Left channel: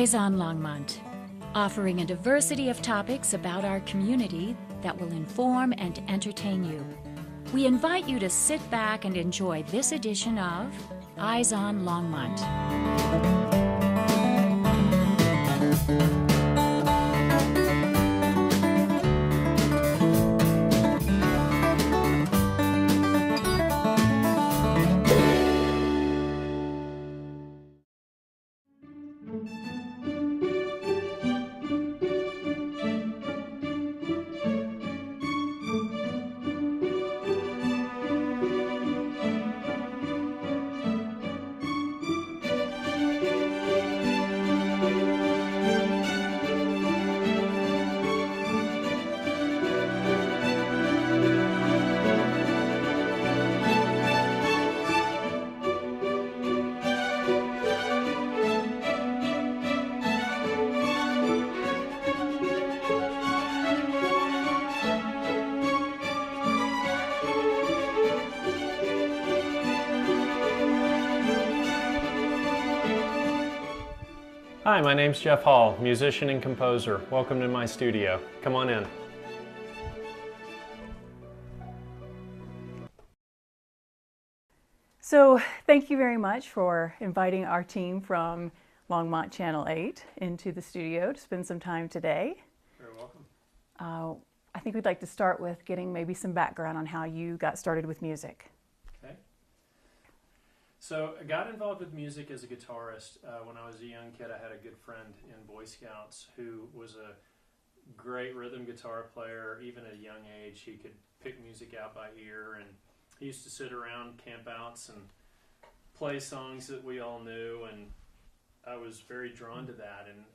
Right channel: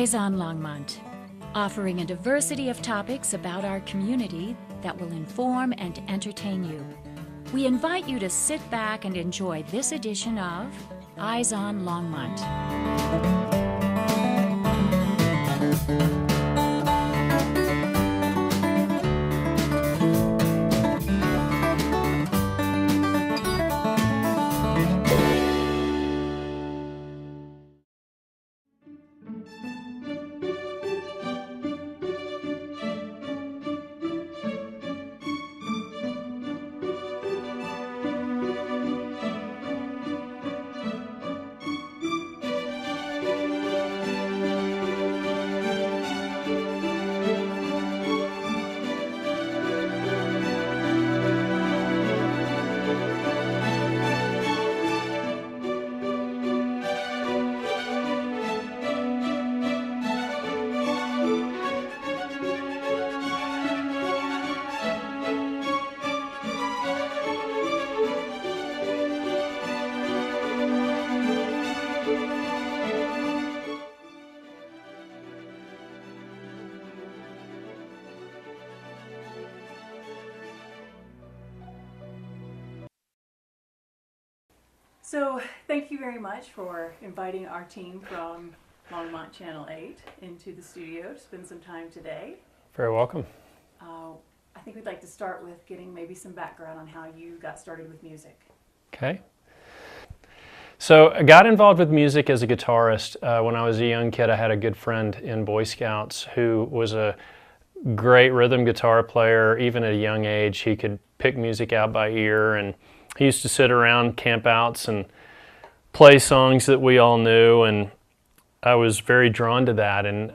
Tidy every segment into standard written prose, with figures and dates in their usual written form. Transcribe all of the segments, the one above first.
Eyes on Longmont, offering a diversity of topics about our community that will inform and entertain you. We invite you to sit back and enjoy this edition of Eyes on Longmont. Hi, my name's Geoff Hall, musician and composer. Welcome to my studio. Come on in. So thank you very much for inviting our team from Longmont Channel 8 into the studio to spend some time today. Very welcome. I think we'd like to start with getting maybe some background on how you got started with music. Okay. So I got involved with music as a guitarist. When I was a young kid, I had a good friend in Boy Scouts who was a great rhythm guitar player. Even at a young age, he could pick music out by ear, and he used to sit around campouts and play songs that we all knew, and I was very drawn to that. And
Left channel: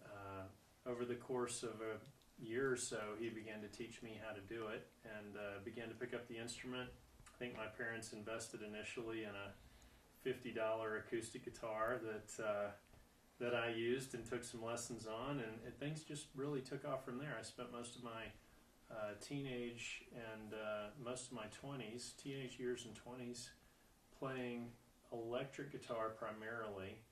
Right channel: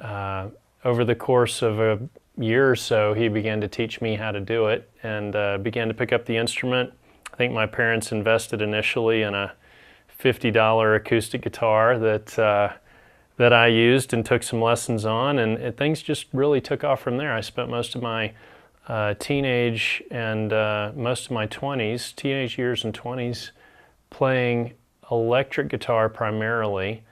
over the course of a year or so, he began to teach me how to do it, and began to pick up the instrument. I think my parents invested initially in a $50 acoustic guitar that I used and took some lessons on, and things just really took off from there. I spent most of my teenage and most of my teenage years and 20s playing electric guitar primarily.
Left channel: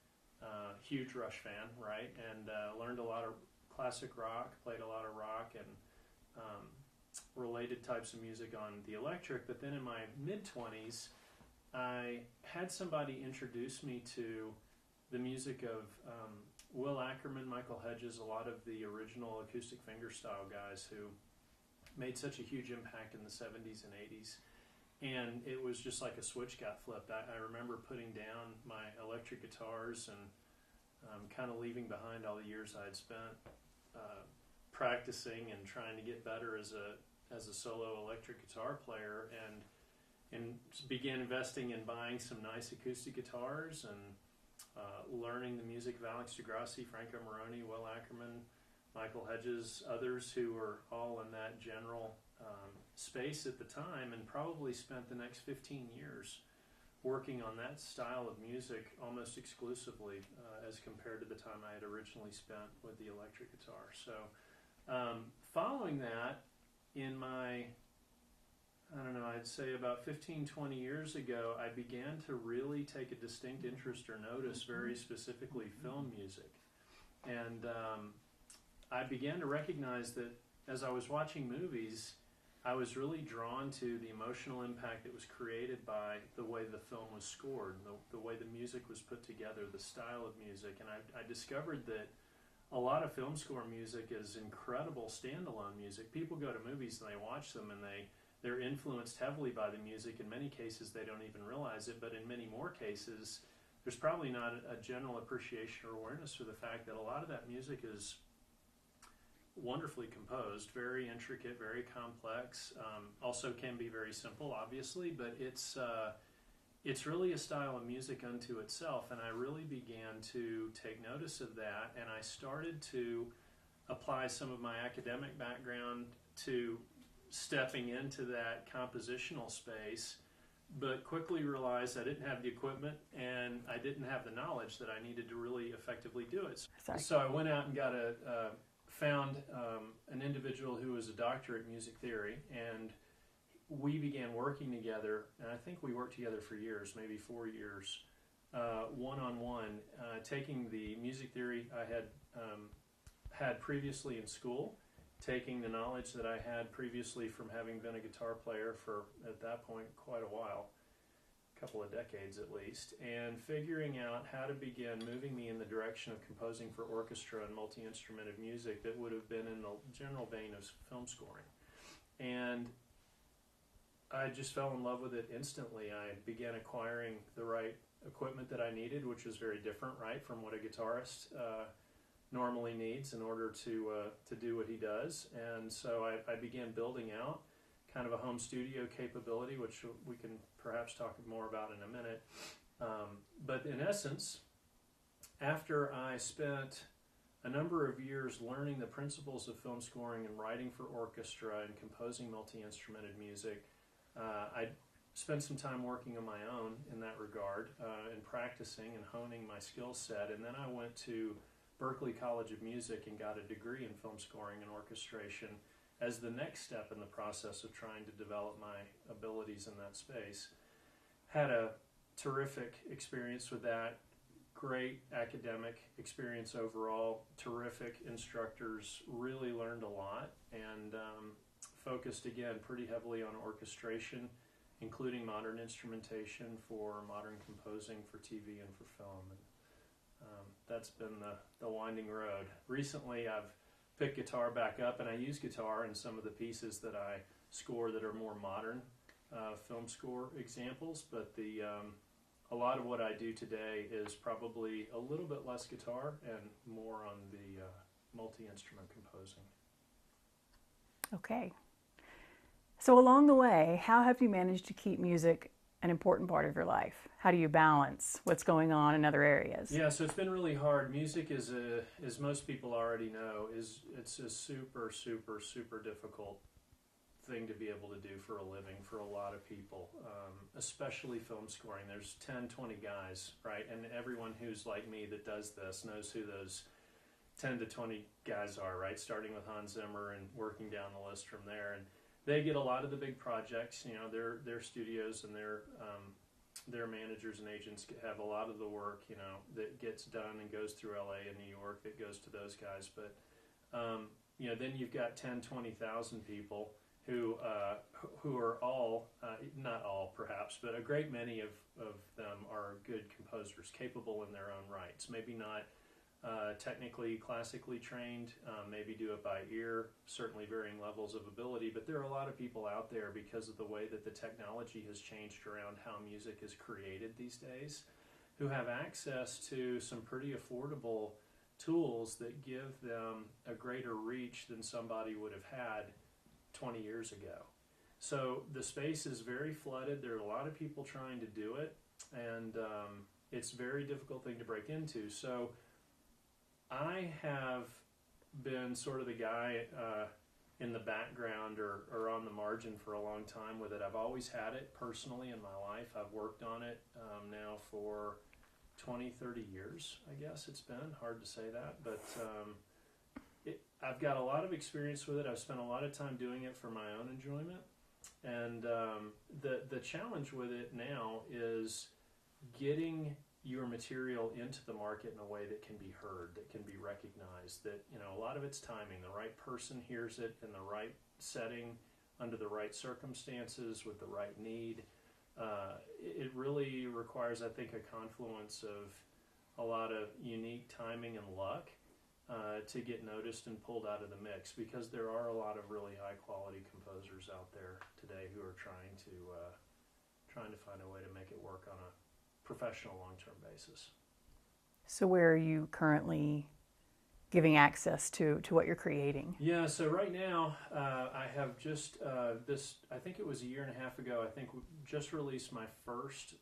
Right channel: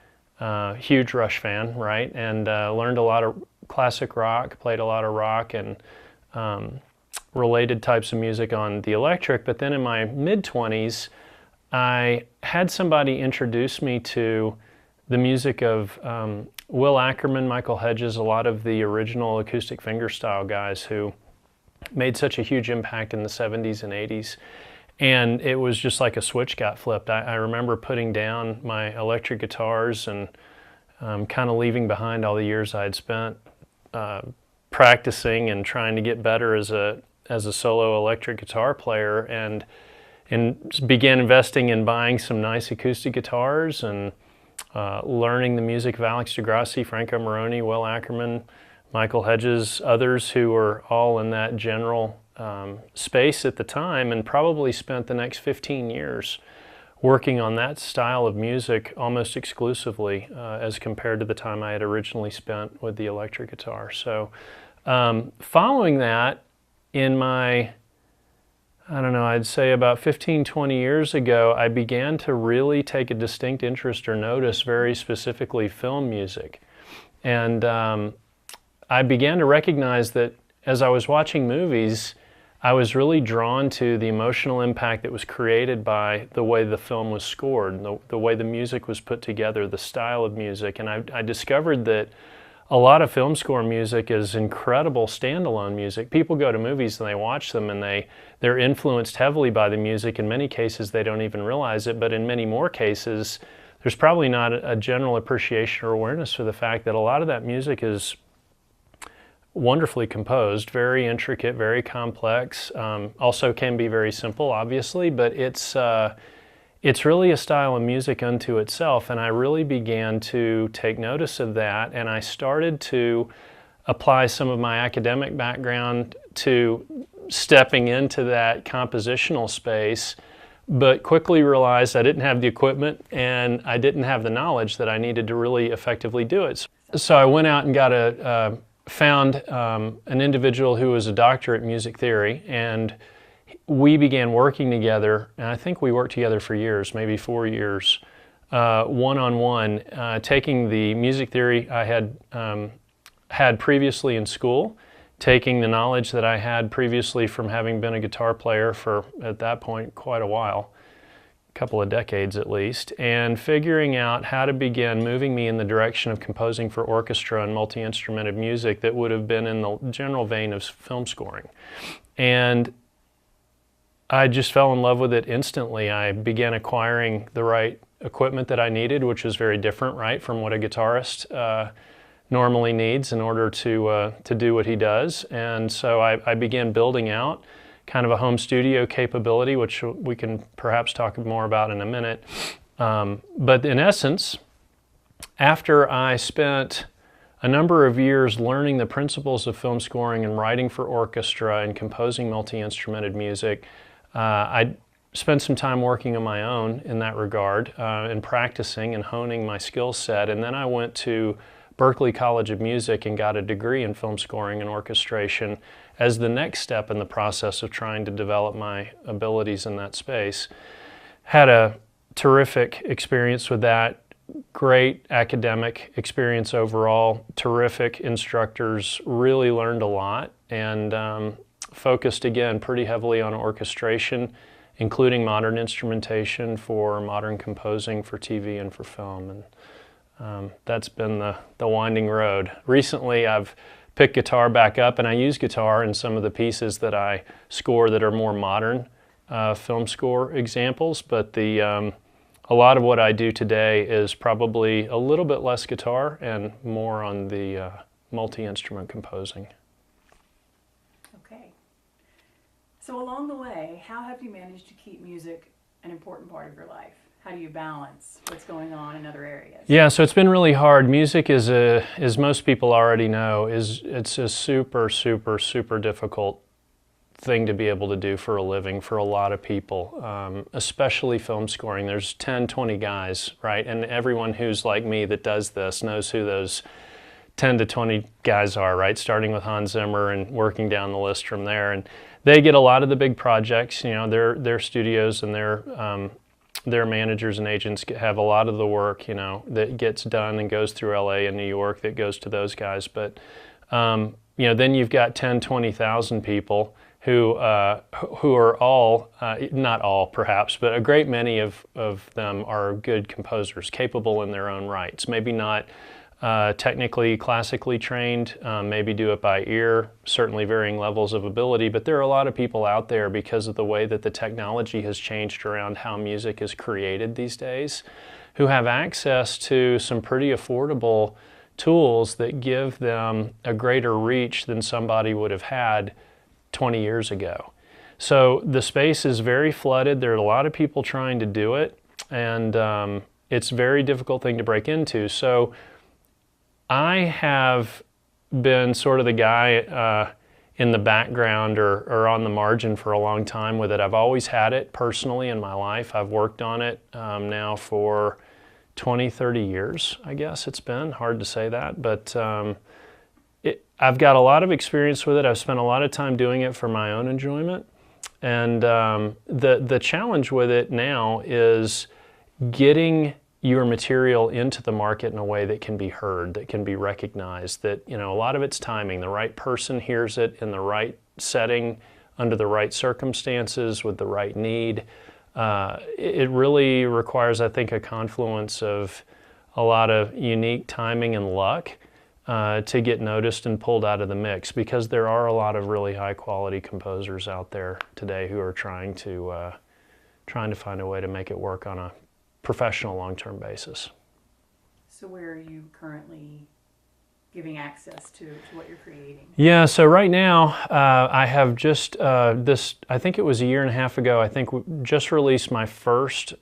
Huge Rush fan, right? And learned a lot of classic rock, played a lot of rock and related types of music on the electric. But then in my mid-20s, I had somebody introduce me to the music of Will Ackerman, Michael Hedges, a lot of the original acoustic fingerstyle guys who made such a huge impact in the 70s and 80s. And it was just like a switch got flipped. I remember putting down my electric guitars and kind of leaving behind all the years I had spent practicing and trying to get better as a solo electric guitar player, and began investing in buying some nice acoustic guitars and learning the music of Alex DeGrassi, Franco Moroni, Will Ackerman, Michael Hedges, others who were all in that general space at the time, and probably spent the next 15 years working on that style of music almost exclusively as compared to the time I had originally spent with the electric guitar. So following that, in my I'd say about 15, 20 years ago, I began to really take a distinct interest or notice very specifically film music. And I began to recognize that as I was watching movies, I was really drawn to the emotional impact that was created by the way the film was scored, the way the music was put together, the style of music. And I discovered that a lot of film score music is incredible standalone music. People go to movies and they watch them and they're influenced heavily by the music. In many cases, they don't even realize it, but in many more cases, there's probably not a general appreciation or awareness for the fact that a lot of that music is wonderfully composed, very intricate, very complex, also can be very simple, obviously, but it's really a style of music unto itself, and I really began to take notice of that, and I started to apply some of my academic background to stepping into that compositional space, but quickly realized I didn't have the equipment and I didn't have the knowledge that I needed to really effectively do it. So I went out and found an individual who was a doctor at music theory, and we began working together, and I think we worked together for years, maybe 4 years, one-on-one, taking the music theory I had previously in school, taking the knowledge that I had previously from having been a guitar player for, at that point, quite a while, a couple of decades at least, and figuring out how to begin moving me in the direction of composing for orchestra and multi-instrumented music that would have been in the general vein of film scoring. And I just fell in love with it instantly. I began acquiring the right equipment that I needed, which was very different, right, from what a guitarist normally needs in order to do what he does. And so I began building out kind of a home studio capability, which we can perhaps talk more about in a minute. But in essence, after I spent a number of years learning the principles of film scoring and writing for orchestra and composing multi-instrumented music, I spent some time working on my own in that regard and practicing and honing my skill set. And then I went to Berklee College of Music and got a degree in film scoring and orchestration as the next step in the process of trying to develop my abilities in that space. Had a terrific experience with that, great academic experience overall, terrific instructors, really learned a lot, and focused again pretty heavily on orchestration, including modern instrumentation for modern composing for TV and for film. And that's been the winding road. Recently I've picked guitar back up, and I use guitar in some of the pieces that I score that are more modern film score examples, but a lot of what I do today is probably a little bit less guitar and more on the multi-instrument composing. Okay. So along the way, how have you managed to keep music an important part of your life? How do you balance what's going on in other areas? Yeah, so it's been really hard. Music is as most people already know, it's a super, super, super difficult thing to be able to do for a living for a lot of people, especially film scoring. There's 10, 20 guys, right? And everyone who's like me that does this knows who those 10 to 20 guys are, right? Starting with Hans Zimmer and working down the list from there. And they get a lot of the big projects, you know, their studios and their managers and agents have a lot of the work, you know, that gets done and goes through LA and New York that goes to those guys. But, you know, then you've got 10, 20,000 people who are all, not all perhaps, but a great many of them are good composers, capable in their own rights. Maybe not technically, classically trained, maybe do it by ear, certainly varying levels of ability, but there are a lot of people out there because of the way that the technology has changed around how music is created these days, who have access to some pretty affordable tools that give them a greater reach than somebody would have had 20 years ago. So the space is very flooded. There are a lot of people trying to do it, and it's a very difficult thing to break into. So I have been sort of the guy in the background or on the margin for a long time with it. I've always had it personally in my life. I've worked on it now for 20, 30 years, I guess it's been. Hard to say that, but I've got a lot of experience with it. I've spent a lot of time doing it for my own enjoyment. And the challenge with it now is getting your material into the market in a way that can be heard, that can be recognized, that, you know, a lot of it's timing. The right person hears it in the right setting, under the right circumstances, with the right need. It really requires, I think, a confluence of a lot of unique timing and luck to get noticed and pulled out of the mix, because there are a lot of really high quality composers out there today who are trying to find a way to make it work on a professional long-term basis. So where are you currently giving access to what you're creating? Yeah, so right now I have just I think it was a year and a half ago, I think we just released my first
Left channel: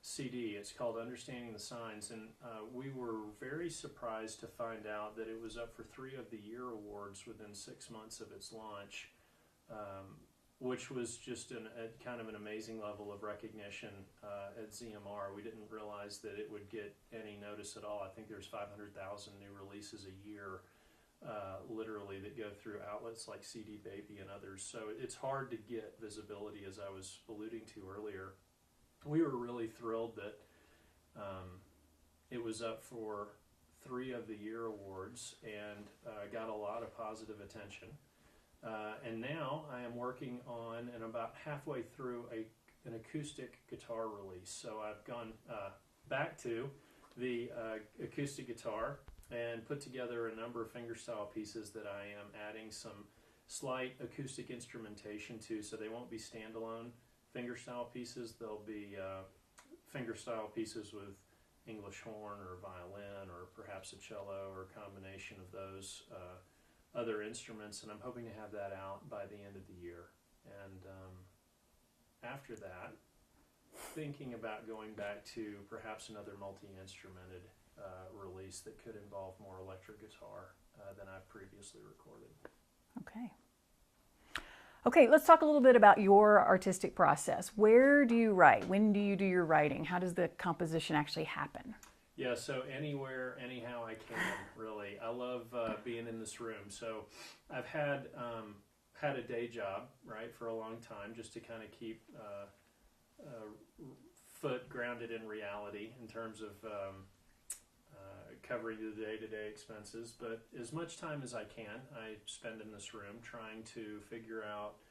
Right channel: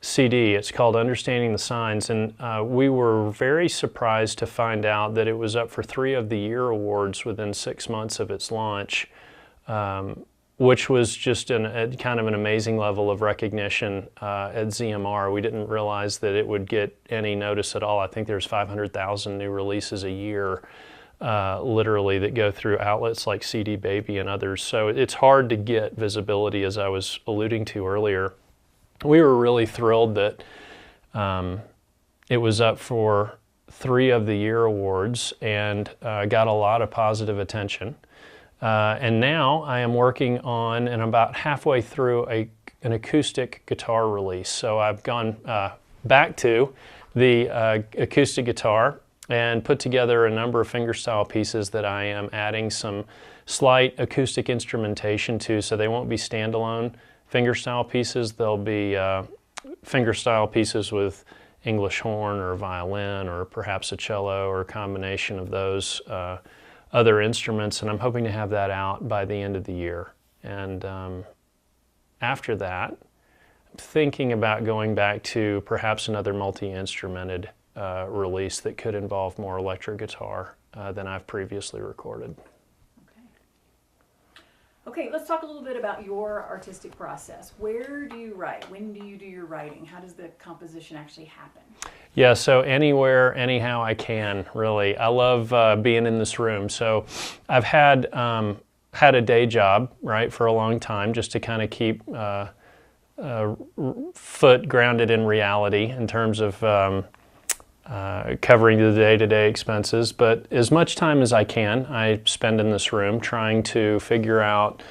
CD. It's called Understanding the Signs, and we were very surprised to find out that it was up for 3 of the Year awards within 6 months of its launch, which was just a kind of an amazing level of recognition at ZMR. We didn't realize that it would get any notice at all. I think there's 500,000 new releases a year, literally, that go through outlets like CD Baby and others. So it's hard to get visibility, as I was alluding to earlier. we were really thrilled that it was up for 3 of the Year awards and got a lot of positive attention. And now I am working on, and I'm about halfway through an acoustic guitar release. So I've gone back to the acoustic guitar and put together a number of fingerstyle pieces that I am adding some slight acoustic instrumentation to, so they won't be standalone fingerstyle pieces. They'll be fingerstyle pieces with English horn or violin or perhaps a cello or a combination of those other instruments, and I'm hoping to have that out by the end of the year. And after that, I'm thinking about going back to perhaps another multi-instrumented release that could involve more electric guitar than I've previously recorded. Okay. Okay, let's talk a little bit about your artistic process. Where do you write? When do you do your writing? How does the composition actually happen? Yeah, so anywhere, anyhow I can, really. I love being in this room. So I've had a day job, right, for a long time, just to kind of keep foot grounded in reality in terms of covering the day-to-day expenses. But as much time as I can, I spend in this room trying to figure out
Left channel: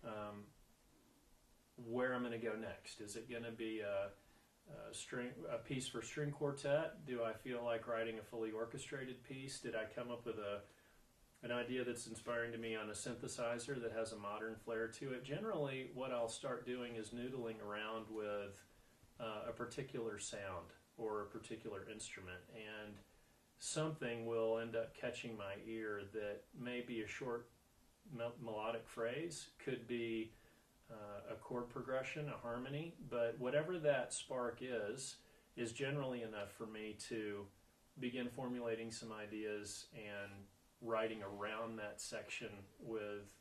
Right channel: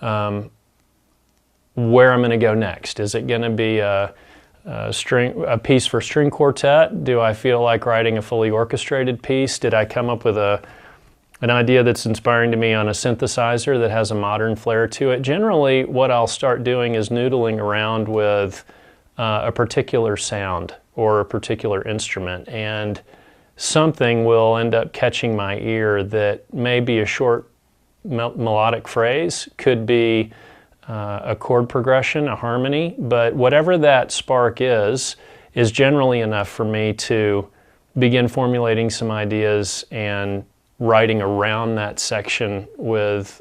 where I'm going to go next. Is it going to be a piece for string quartet? Do I feel like writing a fully orchestrated piece? Did I come up with an idea that's inspiring to me on a synthesizer that has a modern flair to it? Generally, what I'll start doing is noodling around with a particular sound or a particular instrument, and something will end up catching my ear that may be a short melodic phrase, could be a chord progression, a harmony, but whatever that spark is generally enough for me to begin formulating some ideas and writing around that section with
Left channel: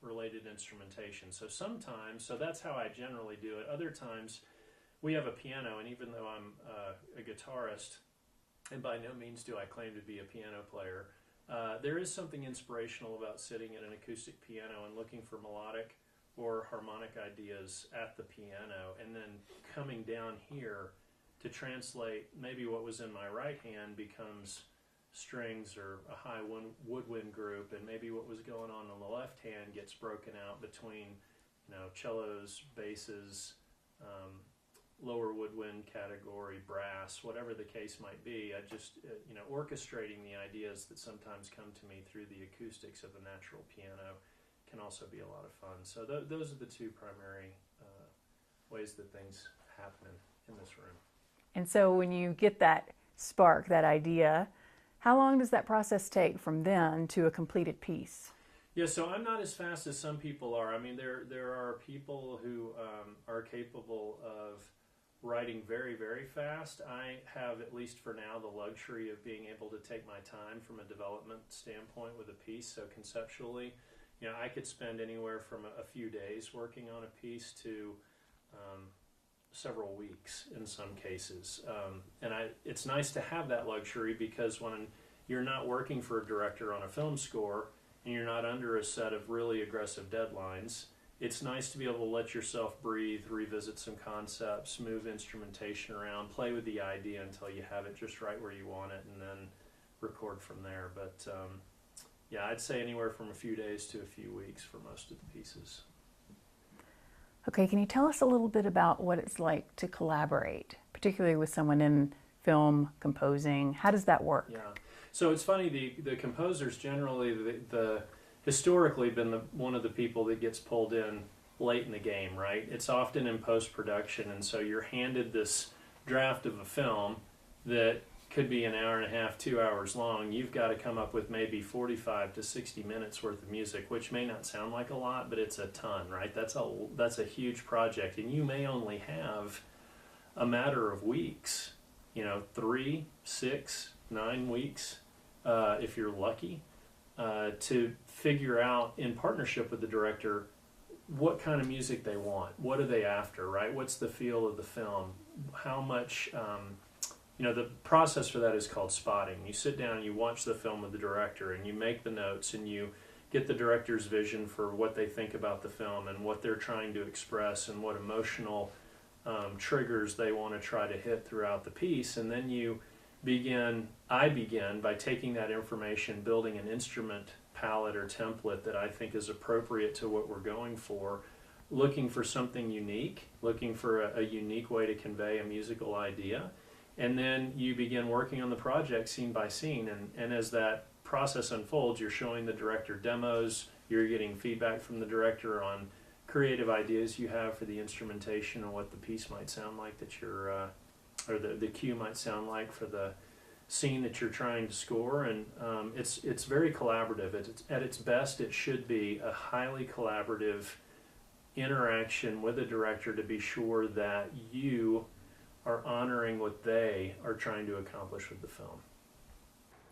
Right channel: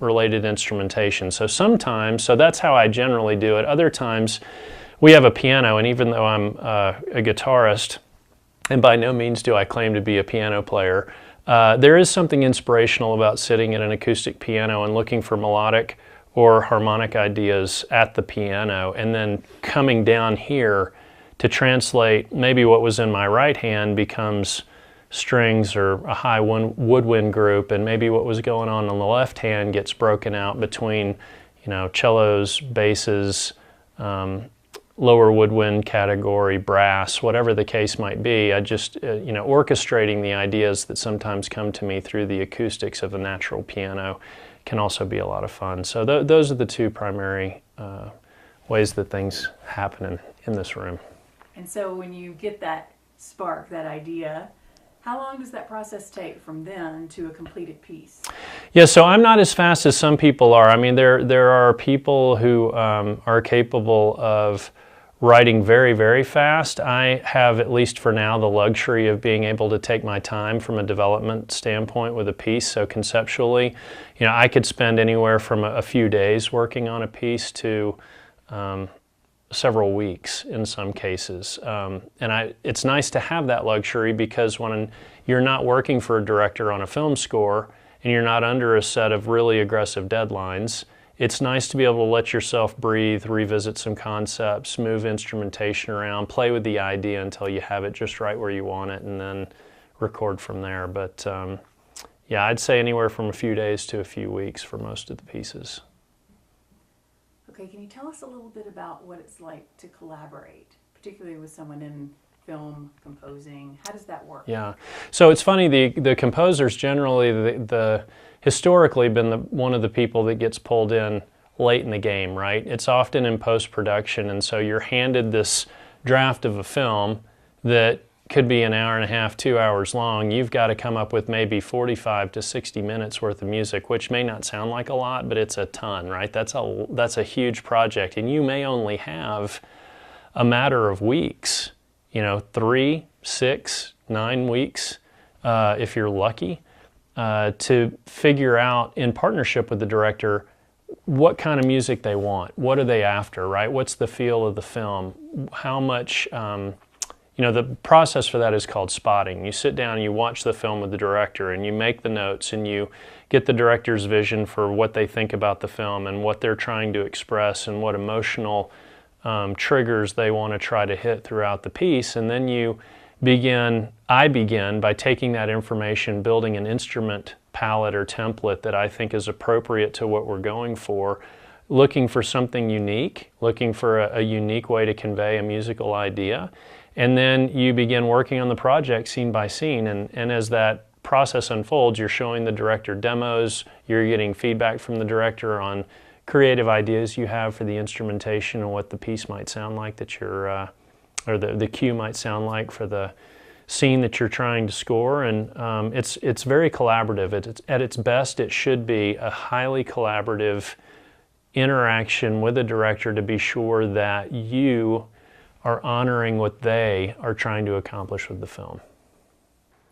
related instrumentation. So sometimes, so that's how I generally do it. Other times, we have a piano, and even though I'm a guitarist, and by no means do I claim to be a piano player, there is something inspirational about sitting at an acoustic piano and looking for melodic or harmonic ideas at the piano, and then coming down here to translate maybe what was in my right hand becomes strings or a high woodwind group, and maybe what was going on the left hand gets broken out between, you know, cellos, basses, lower woodwind category, brass, whatever the case might be. I just, you know, orchestrating the ideas that sometimes come to me through the acoustics of a natural piano can also be a lot of fun. So those are the two primary ways that things happen in this room. And so when you get that spark, that idea, how long does that process take from then to a completed piece? Yeah, so I'm not as fast as some people are. I mean, there are people who are capable of writing very, very fast. I have, at least for now, the luxury of being able to take my time from a development standpoint with a piece. So conceptually, you know, I could spend anywhere from a few days working on a piece to several weeks in some cases. And it's nice to have that luxury, because when you're not working for a director on a film score and you're not under a set of really aggressive deadlines, it's nice to be able to let yourself breathe, revisit some concepts, move instrumentation around, play with the idea until you have it just right where you want it, and then record from there. But yeah, I'd say anywhere from a few days to a few weeks for most of the pieces. Okay, can you tell us a little bit about what it's like to collaborate, particularly with someone in film, composing? How does that work? Yeah, so it's funny, the composers generally, historically been one of the people that gets pulled in late in the game, right? It's often in post-production, and so you're handed this draft of a film that could be an hour and a half, 2 hours long. You've got to come up with maybe 45 to 60 minutes worth of music, which may not sound like a lot, but it's a ton, right? That's a huge project, and you may only have a matter of weeks, you know, 3, 6, 9 weeks, if you're lucky, to figure out in partnership with the director what kind of music they want. What are they after, right? What's the feel of the film? How much, you know, the process for that is called spotting. You sit down and you watch the film with the director and you make the notes and you get the director's vision for what they think about the film and what they're trying to express and what emotional triggers they want to try to hit throughout the piece, and then I begin by taking that information, building an instrument palette or template that I think is appropriate to what we're going for, looking for something unique, looking for a unique way to convey a musical idea, and then you begin working on the project scene by scene, and as that process unfolds, you're showing the director demos, you're getting feedback from the director on creative ideas you have for the instrumentation and what the piece might sound like that you're, or the cue might sound like for the scene that you're trying to score, and it's very collaborative. At its best, it should be a highly collaborative interaction with the director to be sure that you are honoring what they are trying to accomplish with the film.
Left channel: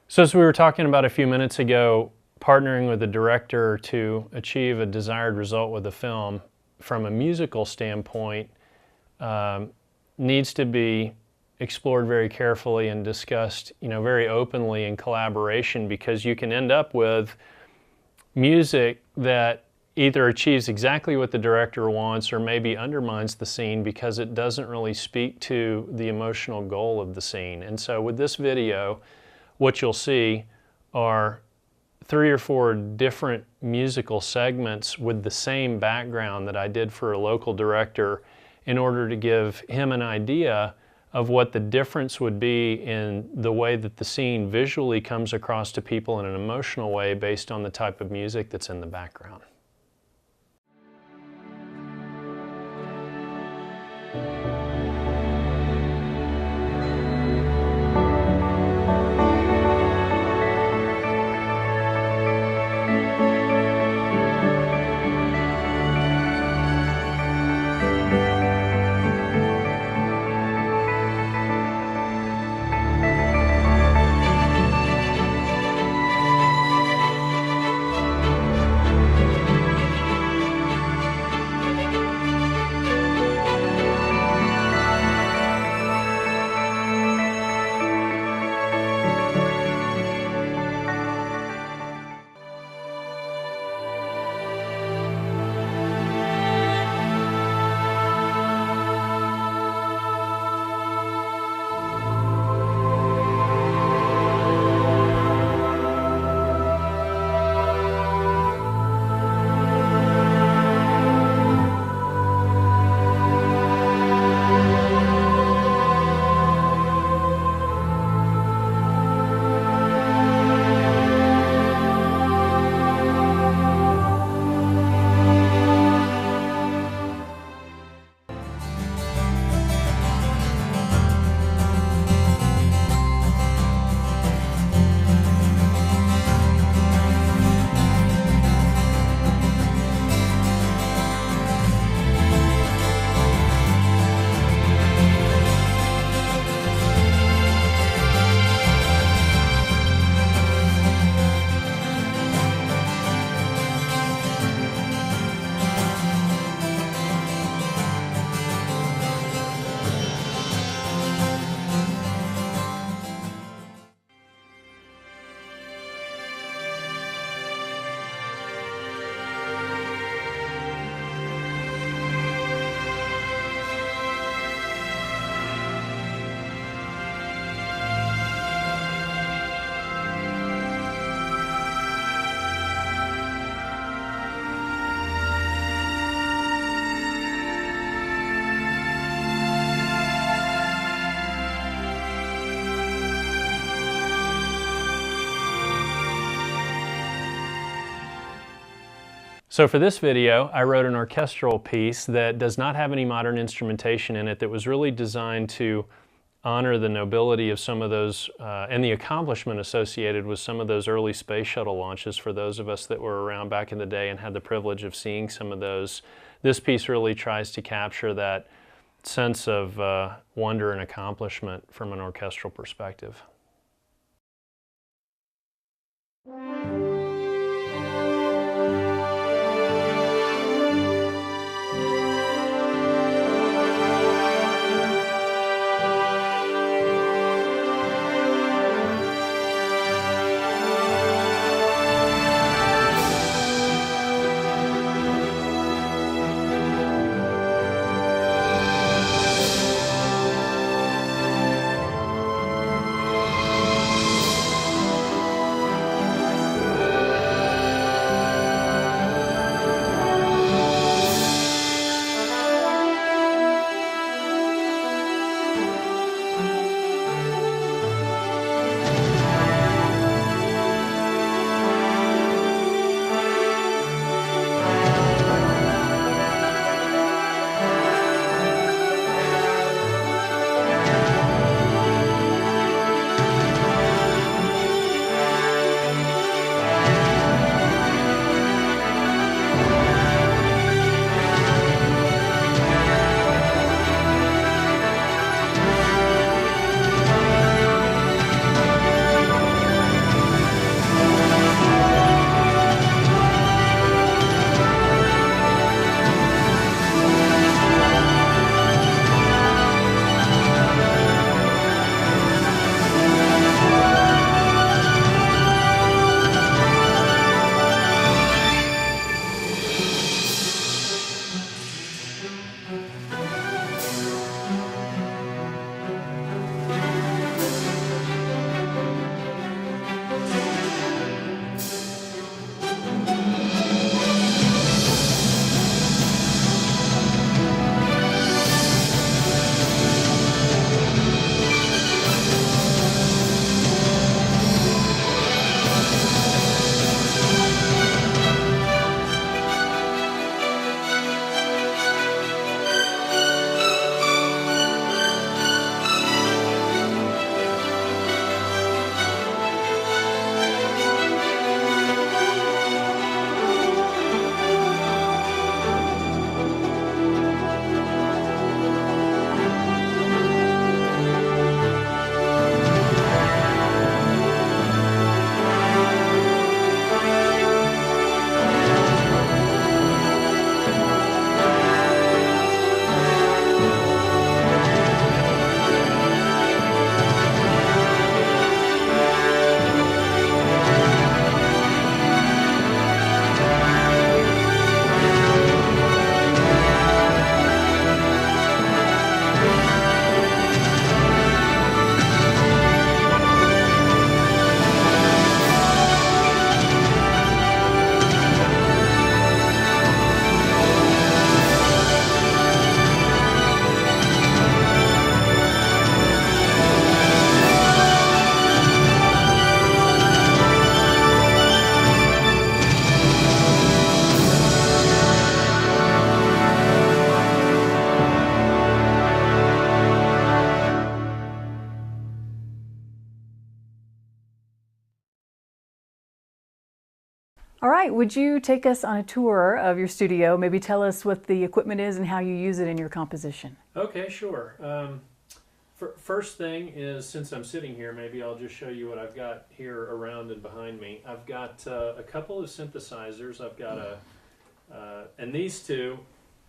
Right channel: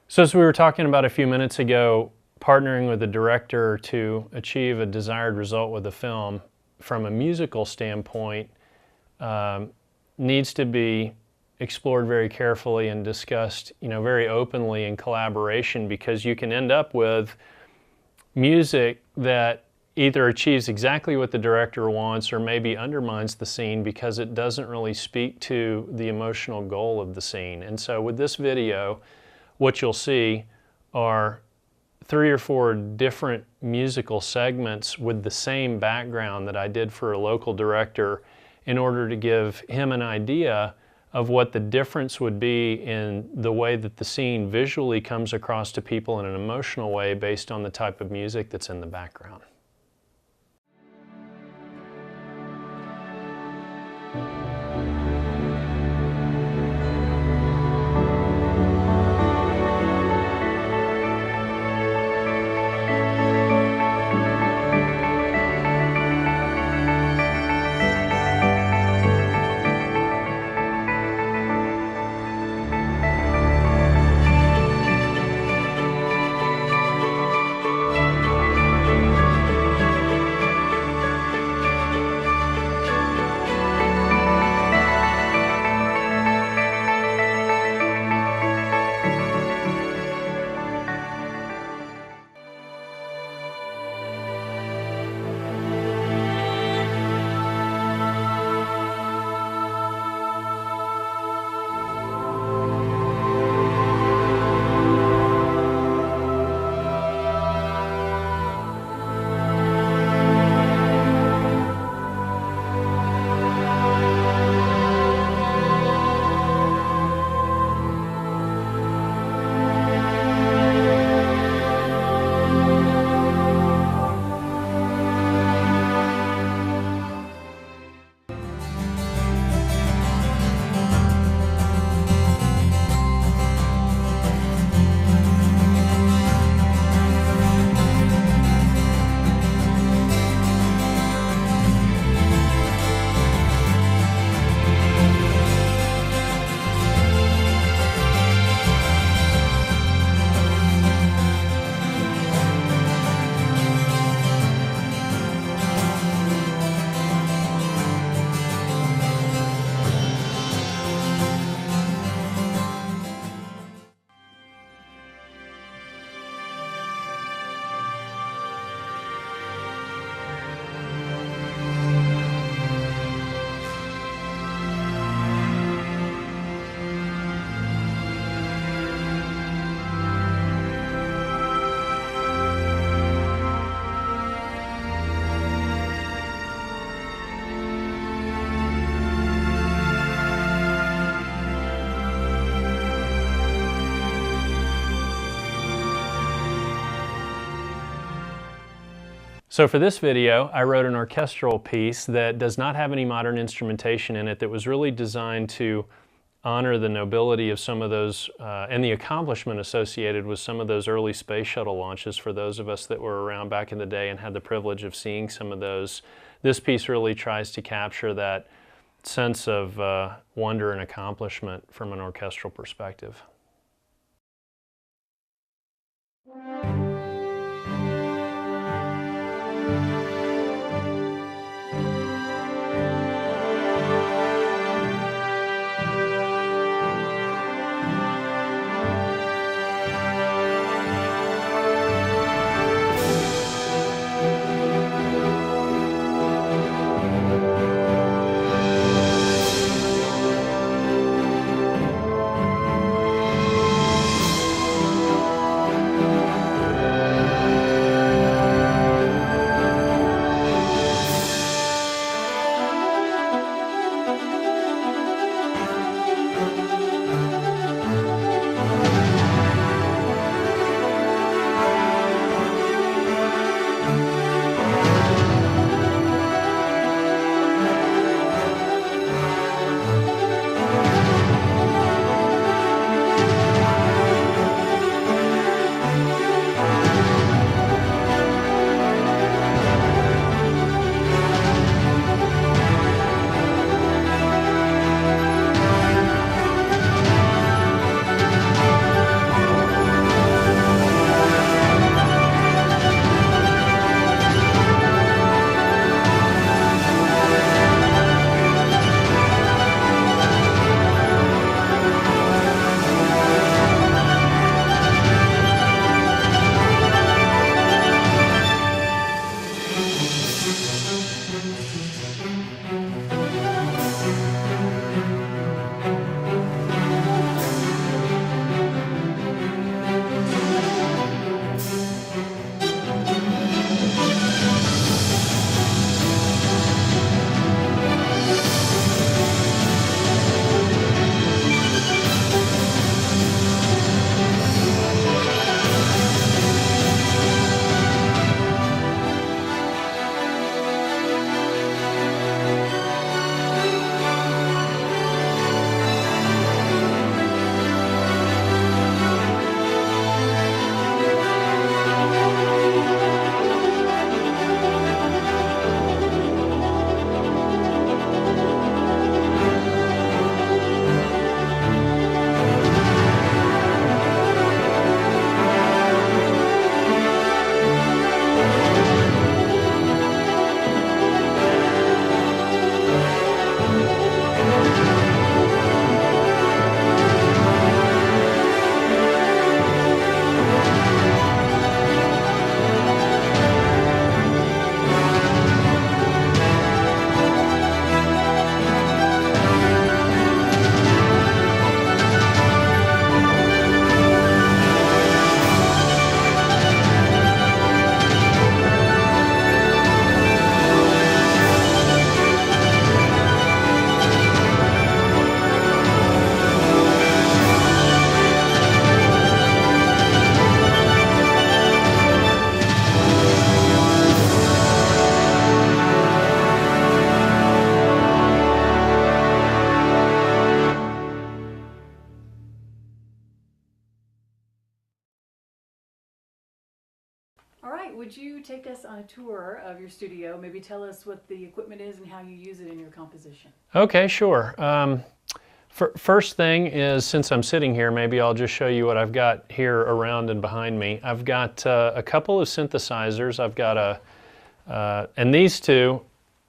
So as we were talking about a few minutes ago, partnering with the director to achieve a desired result with the film from a musical standpoint needs to be explored very carefully and discussed, very openly in collaboration, because you can end up with music that either achieves exactly what the director wants or maybe undermines the scene because it doesn't really speak to the emotional goal of the scene. And so with this video, what you'll see are 3 or 4 different musical segments with the same background that I did for a local director in order to give him an idea of what the difference would be in the way that the scene visually comes across to people in an emotional way based on the type of music that's in the background. So for this video, I wrote an orchestral piece that does not have any modern instrumentation in it, that was really designed to honor the nobility of some of those and the accomplishment associated with some of those early space shuttle launches for those of us that were around back in the day and had the privilege of seeing some of those. This piece really tries to capture that sense of wonder and accomplishment from an orchestral perspective. right, would you take us on a tour of your studio? Maybe tell us what the equipment is and how you use it in your composition. Okay, sure. First thing is, since I'm sitting here, maybe I'll just show you what I've got here around and behind me. I've got a couple of synthesizers. I've got and these two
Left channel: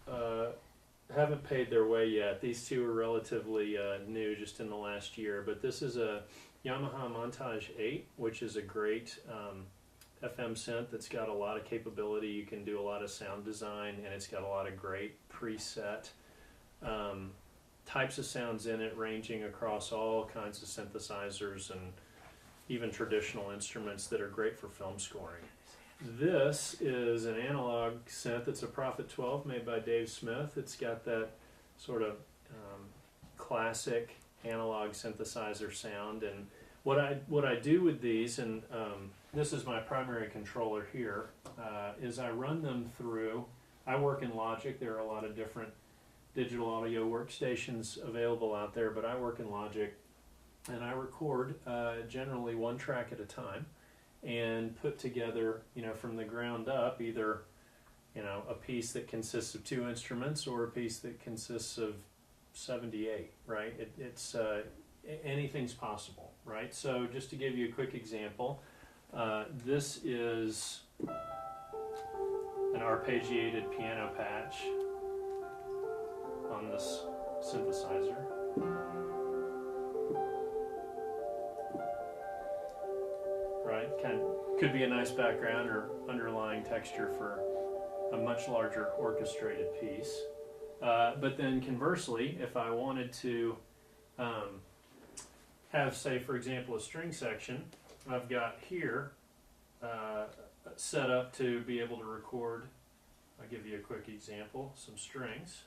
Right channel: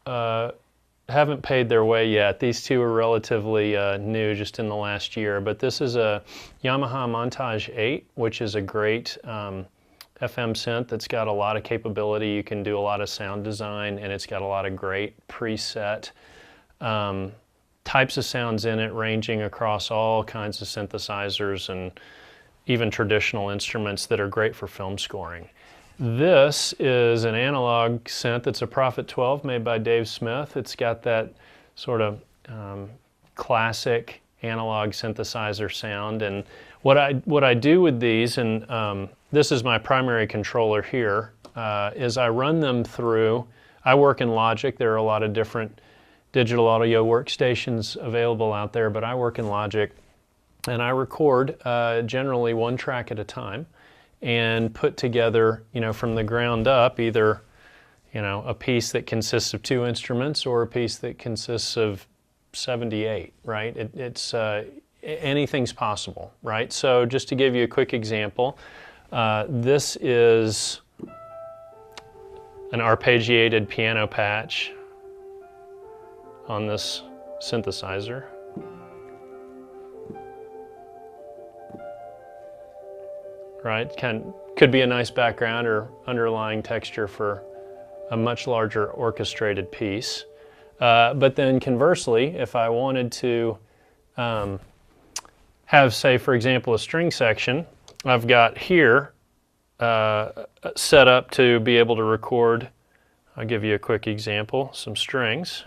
haven't paid their way yet. These two are relatively new, just in the last year. But this is a Yamaha Montage 8, which is a great FM synth that's got a lot of capability. You can do a lot of sound design, and it's got a lot of great preset types of sounds in it, ranging across all kinds of synthesizers and even traditional instruments that are great for film scoring. This is an analog synth. It's a Prophet 12 made by Dave Smith. It's got that sort of classic analog synthesizer sound. And what I do with these, and this is my primary controller here, is I run them through, I work in Logic. There are a lot of different digital audio workstations available out there, but I work in Logic, and I record generally one track at a time and put together, from the ground up, either, a piece that consists of 2 instruments or a piece that consists of 78, right? It's anything's possible, right? So just to give you a quick example, this is an arpeggiated piano patch on this synthesizer. Right? Could be a nice background or underlying texture for a much larger orchestrated piece. But then conversely, if I wanted to have, say, for example, a string section, I've got here set up to be able to record, I'll give you a quick example, some strings.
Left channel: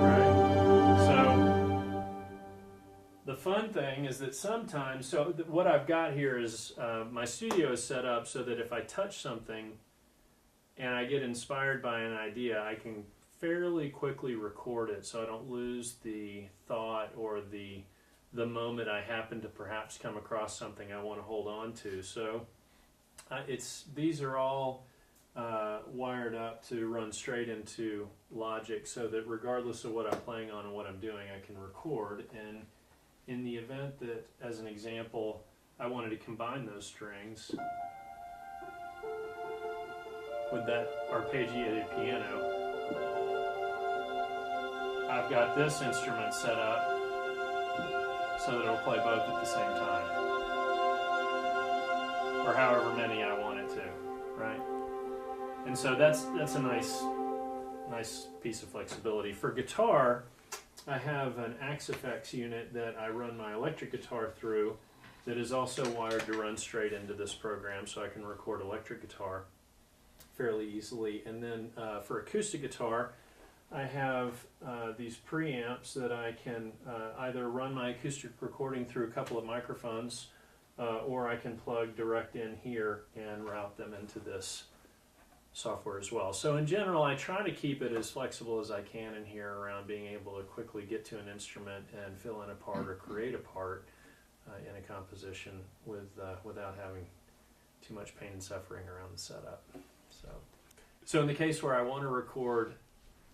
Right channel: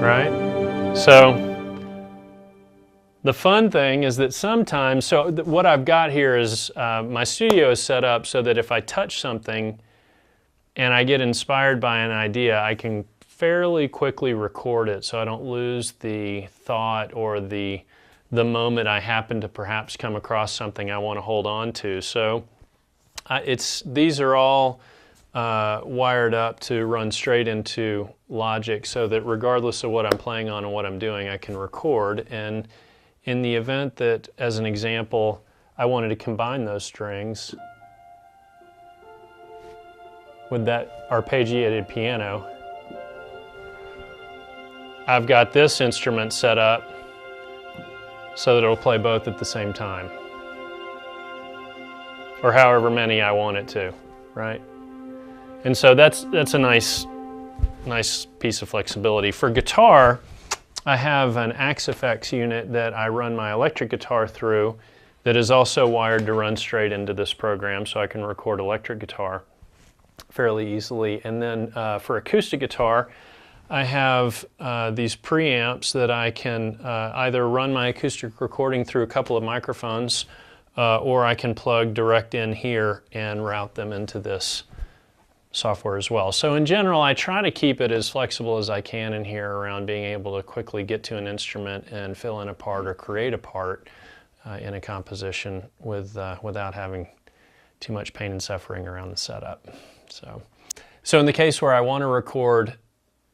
Right? So the fun thing is that sometimes, what I've got here is my studio is set up so that if I touch something and I get inspired by an idea, I can fairly quickly record it so I don't lose the thought or the moment I happen to perhaps come across something I want to hold on to. So these are all wired up to run straight into Logic so that regardless of what I'm playing on and what I'm doing, I can record. And in the event that, as an example, I wanted to combine those strings with that arpeggiated piano, I've got this instrument set up so that it'll play both at the same time, or however many I want it to, right? And so that's a nice piece of flexibility. For guitar, I have an Axe-Fx unit that I run my electric guitar through that is also wired to run straight into this program, so I can record electric guitar fairly easily. And then for acoustic guitar, I have these preamps that I can either run my acoustic recording through a couple of microphones or I can plug direct in here and route them into this software as well. So in general, I try to keep it as flexible as I can in here around being able to quickly get to an instrument and fill in a part or create a part in a composition without having too much pain and suffering around the setup. So in the case where I want to record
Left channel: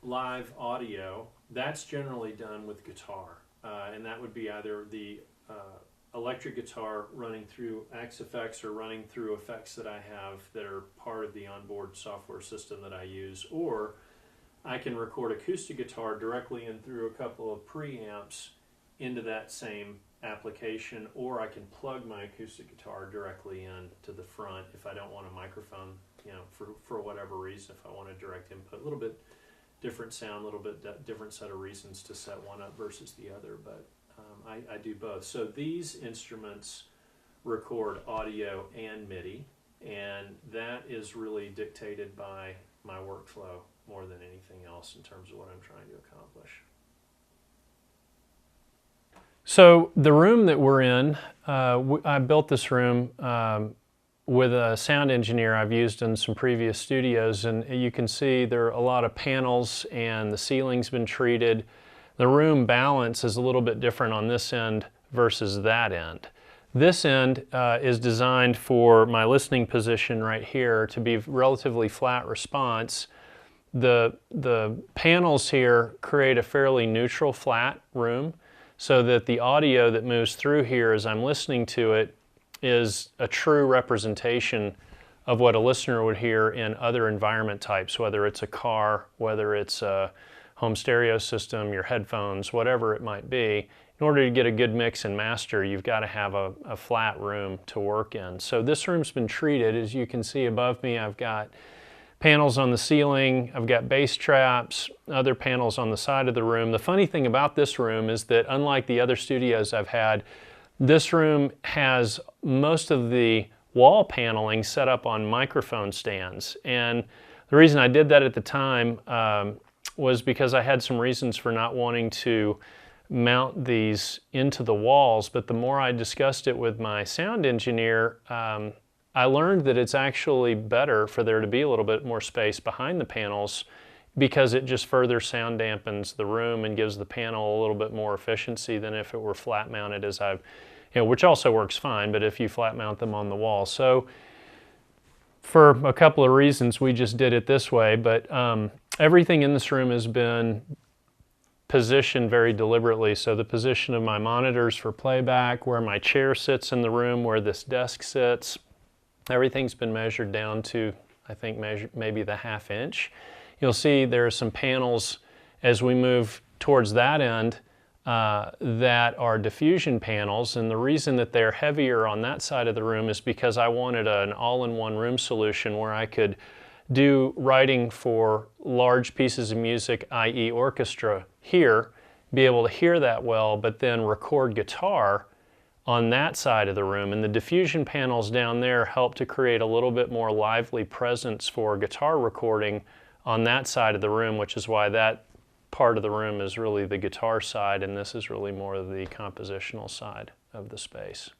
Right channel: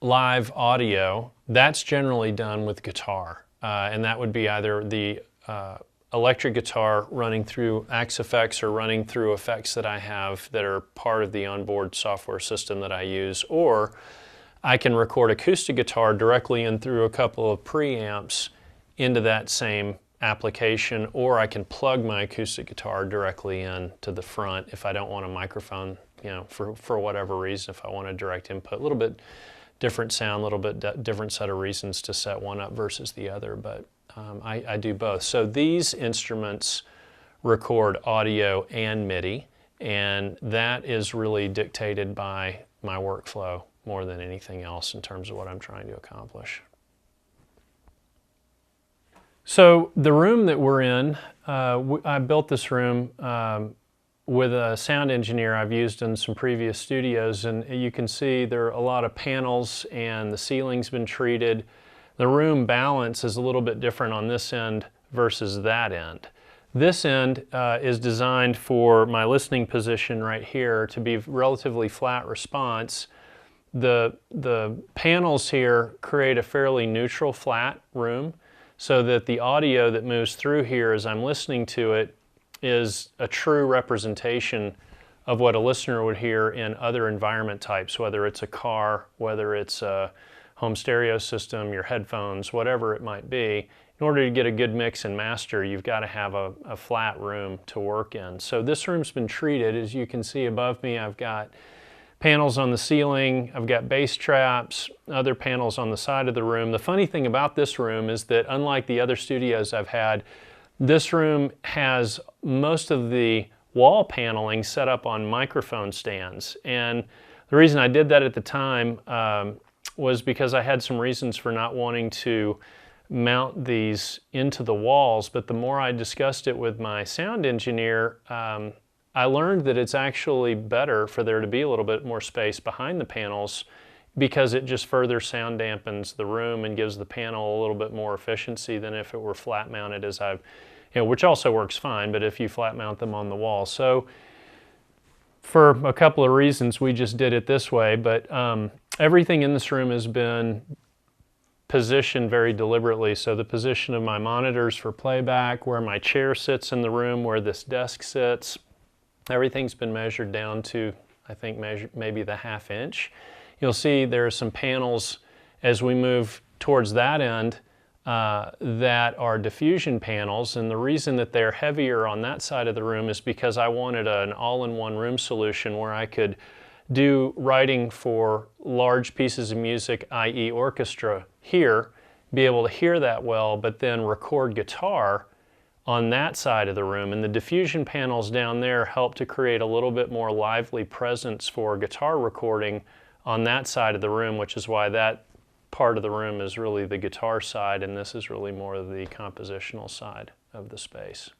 live audio, that's generally done with guitar. And that would be either the electric guitar running through Axe-Fx or running through effects that I have that are part of the onboard software system that I use, or I can record acoustic guitar directly in through a couple of preamps into that same application, or I can plug my acoustic guitar directly in to the front if I don't want a microphone, for whatever reason, if I want a direct input. A little bit different sound, a little bit different set of reasons to set one up versus the other, but I do both. So these instruments record audio and MIDI, and that is really dictated by my workflow more than anything else in terms of what I'm trying to accomplish. So the room that we're in, I built this room with a sound engineer I've used in some previous studios, and you can see there are a lot of panels and the ceiling's been treated. The room balance is a little bit different on this end versus that end. This end is designed for my listening position right here to be relatively flat response. The panels here create a fairly neutral flat room so that the audio that moves through here as I'm listening to it is a true representation of what a listener would hear in other environment types, whether it's a car, whether it's a home stereo system, your headphones, whatever it might be. In order to get a good mix and master, you've got to have a flat room to work in. So this room's been treated. As you can see above me, I've got panels on the ceiling, I've got bass traps, other panels on the side of the room. The funny thing about this room is that unlike the other studios I've had, this room has most of the wall paneling set up on microphone stands. And the reason I did that at the time was because I had some reasons for not wanting to mount these into the walls, but the more I discussed it with my sound engineer, I learned that it's actually better for there to be a little bit more space behind the panels because it just further sound dampens the room and gives the panel a little bit more efficiency than if it were flat mounted as I've, which also works fine, but if you flat mount them on the wall. So for a couple of reasons, we just did it this way, but everything in this room has been positioned very deliberately. So the position of my monitors for playback, where my chair sits in the room, where this desk sits, everything's been measured down to, I think, maybe the ½ inch. You'll see there are some panels as we move towards that end that are diffusion panels, and the reason that they're heavier on that side of the room is because I wanted an all-in-one room solution where I could do writing for large pieces of music, i.e. orchestra, here, be able to hear that well, but then record guitar on that side of the room. And the diffusion panels down there help to create a little bit more lively presence for guitar recording on that side of the room, which is why that part of the room is really the guitar side, and this is really more of the compositional side of the space.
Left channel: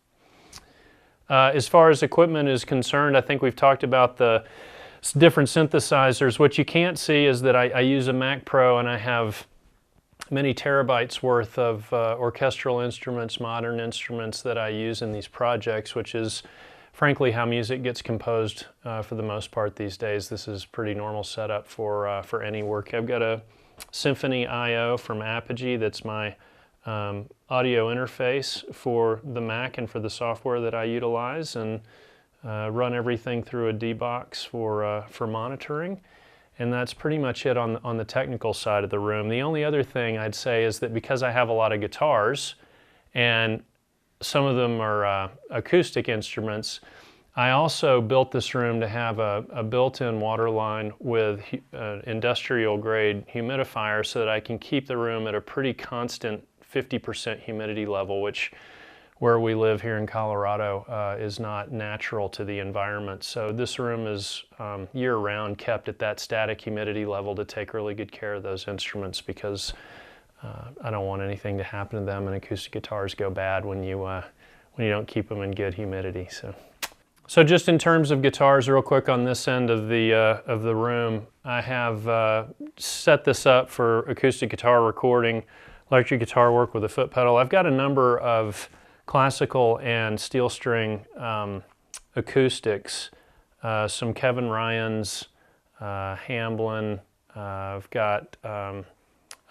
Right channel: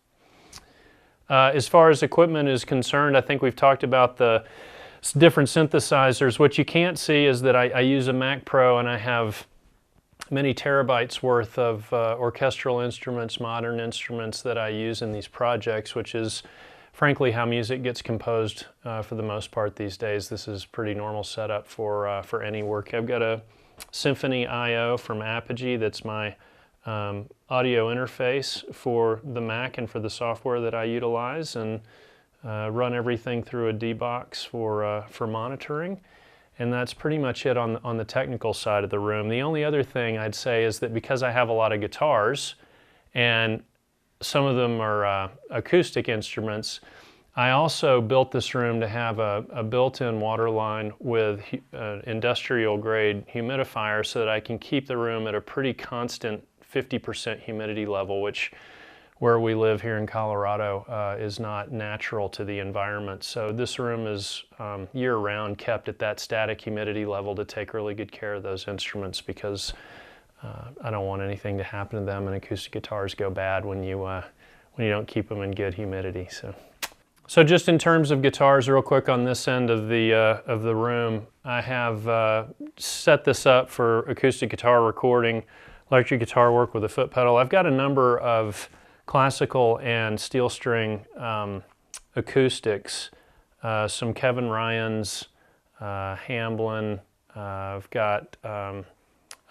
As far as equipment is concerned, I think we've talked about the different synthesizers. What you can't see is that I use a Mac Pro, and I have many terabytes worth of orchestral instruments, modern instruments that I use in these projects, which is frankly how music gets composed for the most part these days. This is pretty normal setup for any work. I've got a Symphony I/O from Apogee that's my audio interface for the Mac and for the software that I utilize, and run everything through a D-Box for monitoring. And that's pretty much it on the technical side of the room. The only other thing I'd say is that because I have a lot of guitars, and some of them are acoustic instruments, I also built this room to have a built-in water line with industrial grade humidifier so that I can keep the room at a pretty constant 50% humidity level, which where we live here in Colorado is not natural to the environment. So this room is year-round kept at that static humidity level to take really good care of those instruments, because I don't want anything to happen to them, and acoustic guitars go bad when you don't keep them in good humidity. So just in terms of guitars, real quick on this end of the room, I have set this up for acoustic guitar recording, electric guitar work with a foot pedal. I've got a number of classical and steel string acoustics, some Kevin Ryan's, Hamblin. I've got a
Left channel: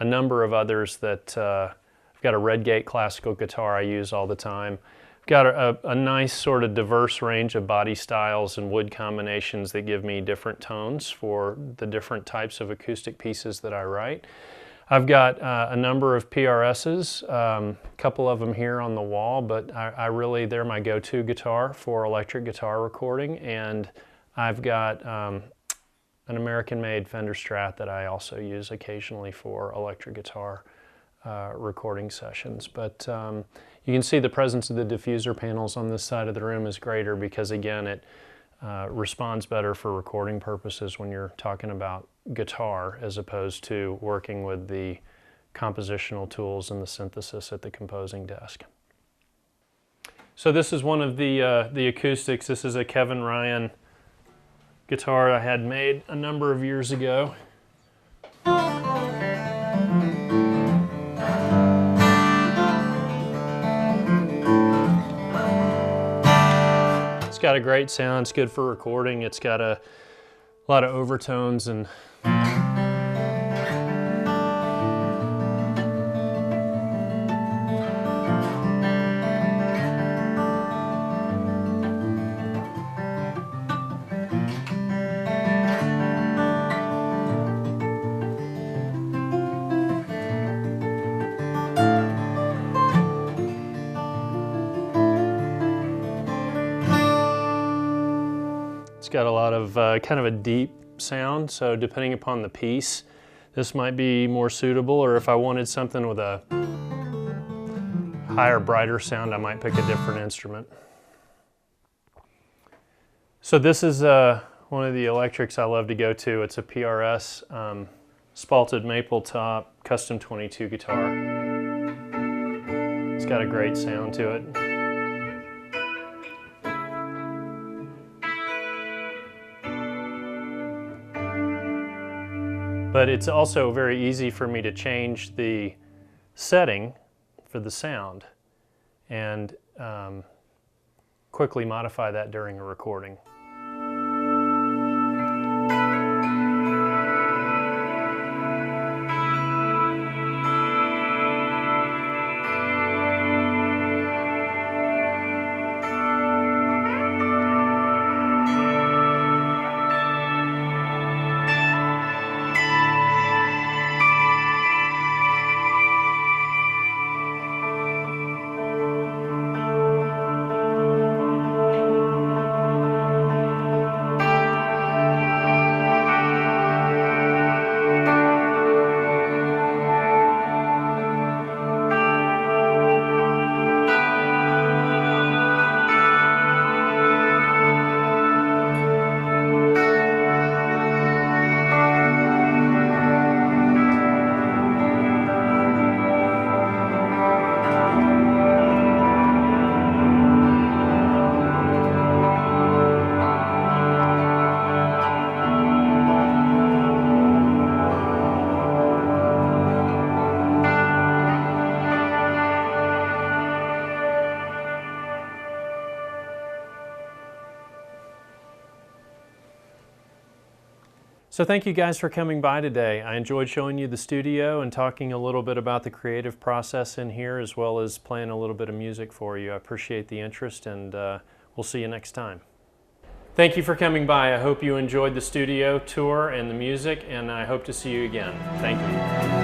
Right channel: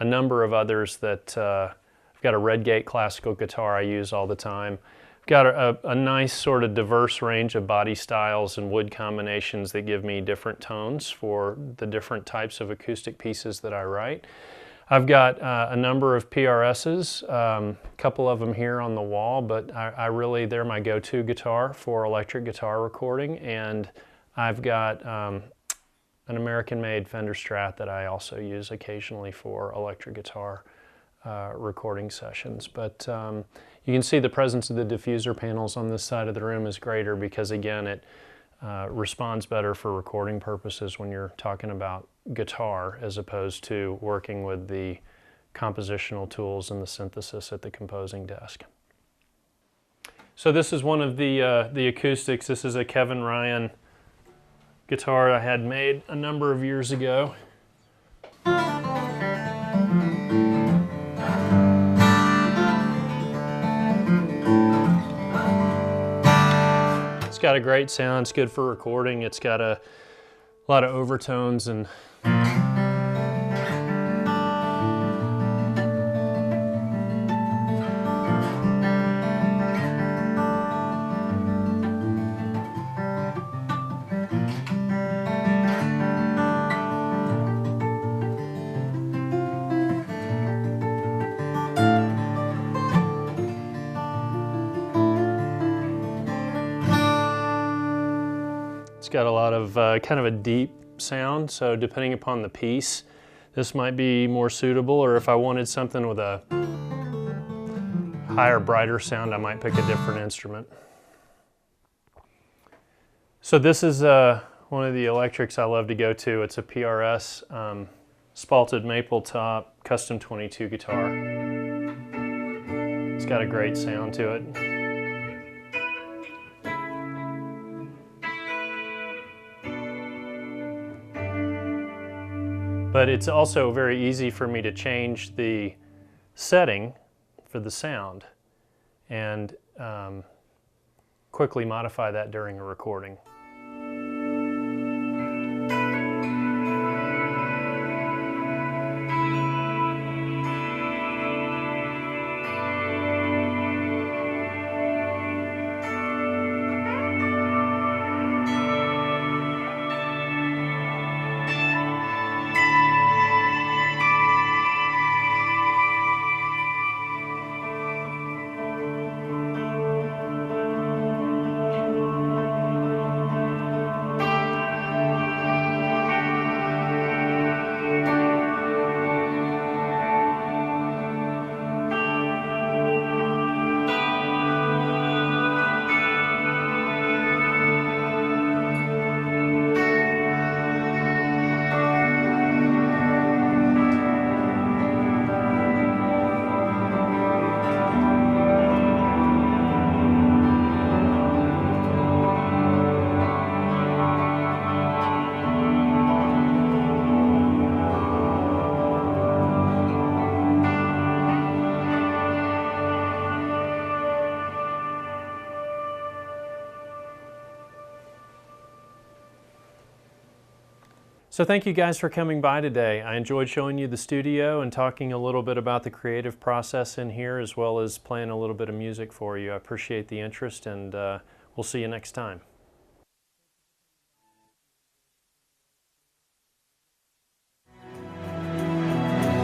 number of others that I've got a Redgate classical guitar I use all the time. Got a nice sort of diverse range of body styles and wood combinations that give me different tones for the different types of acoustic pieces that I write. I've got a number of PRSs, a couple of them here on the wall, but I really, they're my go-to guitar for electric guitar recording. And I've got an American-made Fender Strat that I also use occasionally for electric guitar recording sessions. But you can see the presence of the diffuser panels on this side of the room is greater because, again, it responds better for recording purposes when you're talking about guitar as opposed to working with the compositional tools and the synthesis at the composing desk. So this is one of the acoustics. This is a Kevin Ryan guitar I had made a number of years ago. It's got a great sound. It's good for recording. It's got a lot of overtones and it's got a lot of kind of a deep sound, so depending upon the piece, this might be more suitable, or if I wanted something with a higher, brighter sound, I might pick a different instrument. So this is one of the electrics I love to go to. It's a PRS spalted maple top custom 22 guitar. It's got a great sound to it. But it's also very easy for me to change the setting for the sound and quickly modify that during a recording. So thank you guys for coming by today. I enjoyed showing you the studio and talking a little bit about the creative process in here, as well as playing a little bit of music for you. I appreciate the interest, and we'll see you next time. Thank you for coming by. I hope you enjoyed the studio tour and the music, and I hope to see you again. Thank you.